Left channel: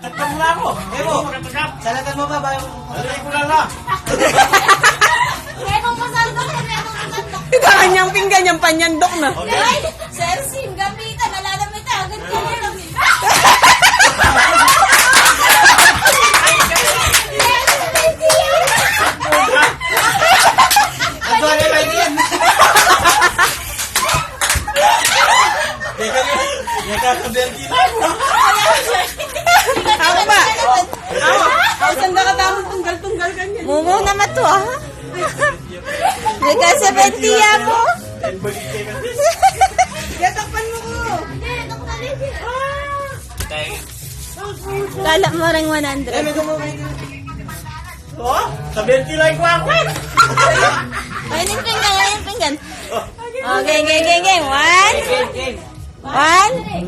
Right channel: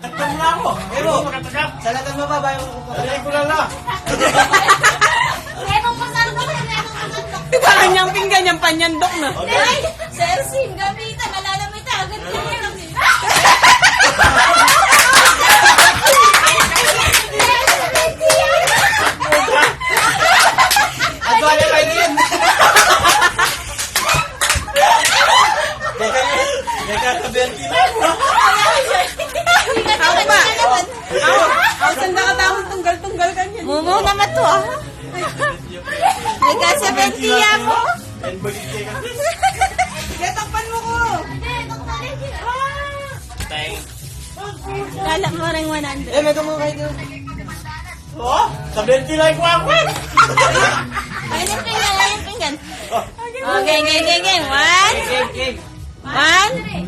Tatang lang mo. Pero, salatan mo ba ba? Salatan ko lang lang. Memong pasandok na memong pasandok. Kanyang pinggan, yung panyandok na. Ay, Celsin, gamitan. Malalamit ka. Agad ka na lang. Ano na kayo yan? Nagkakaberti lang mo. Ako ba? Ako sanda ka tamang tunggal-tunggal ganyan. Mumo naman to, ah. Nagka-70 mo. Gatakpan mo ko. Hindi, nakumalit eh. Lala mo rin 100. May kumakay ka. Oh, sa 20 lang ko ako. Ay, yung pinggan. Okay, game. One.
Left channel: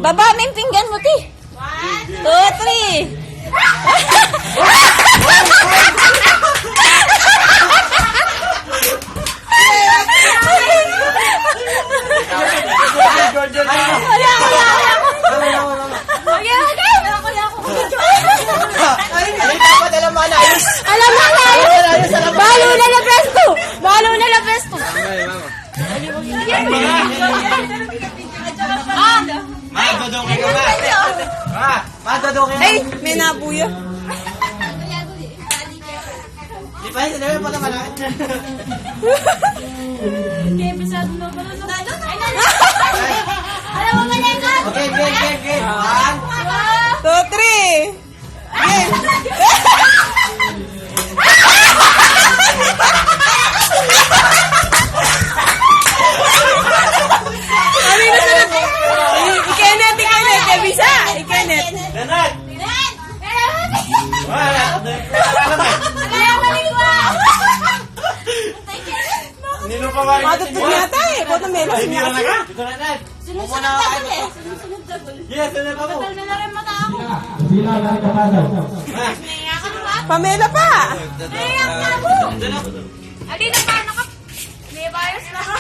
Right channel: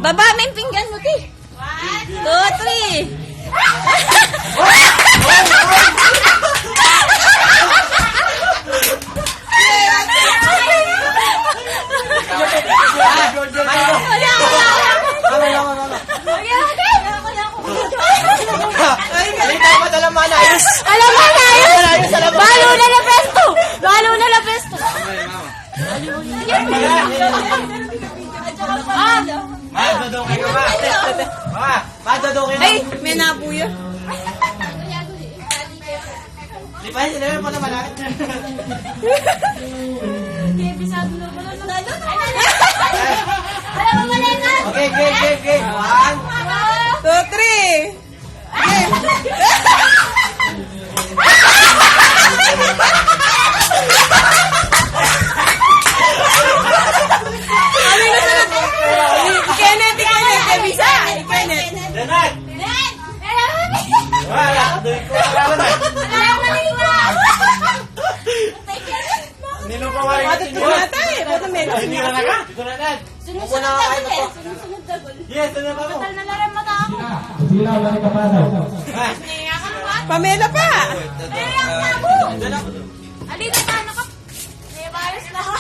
Baba mo yung pinggan mo, ti. 1, 2, 3. Alita pa dala mo na ayos. Alam mo na yun! Balo na na presto! Madodokay ka ba? Madodokay ka. Ay, may nabuyo. Di ba sila pa naman ah? Alam mo ba na yun? Okay, game. 2, 3. Ikenet. Abisa. Ikenet. Renat! Wala. Nino pa marin. Matutog yata eh. Boto melos. Ay, nira na ka? Ito na Renat. Sunod-sunod double eh. Sunod-sunod double. Yes, ano ba ko? Tal na lang mata ako. Pamela pa. Naiyak na ako. Adi na paano ka? May virus na ako.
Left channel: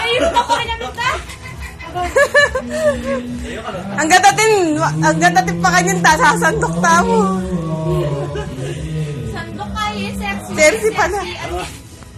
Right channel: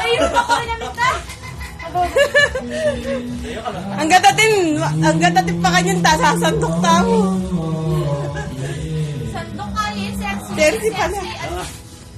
Ayun ako rin namin ka. Ang gatatin pa kanyang sasandok ta mo. Sandok kayo, sexy. Sexy pala.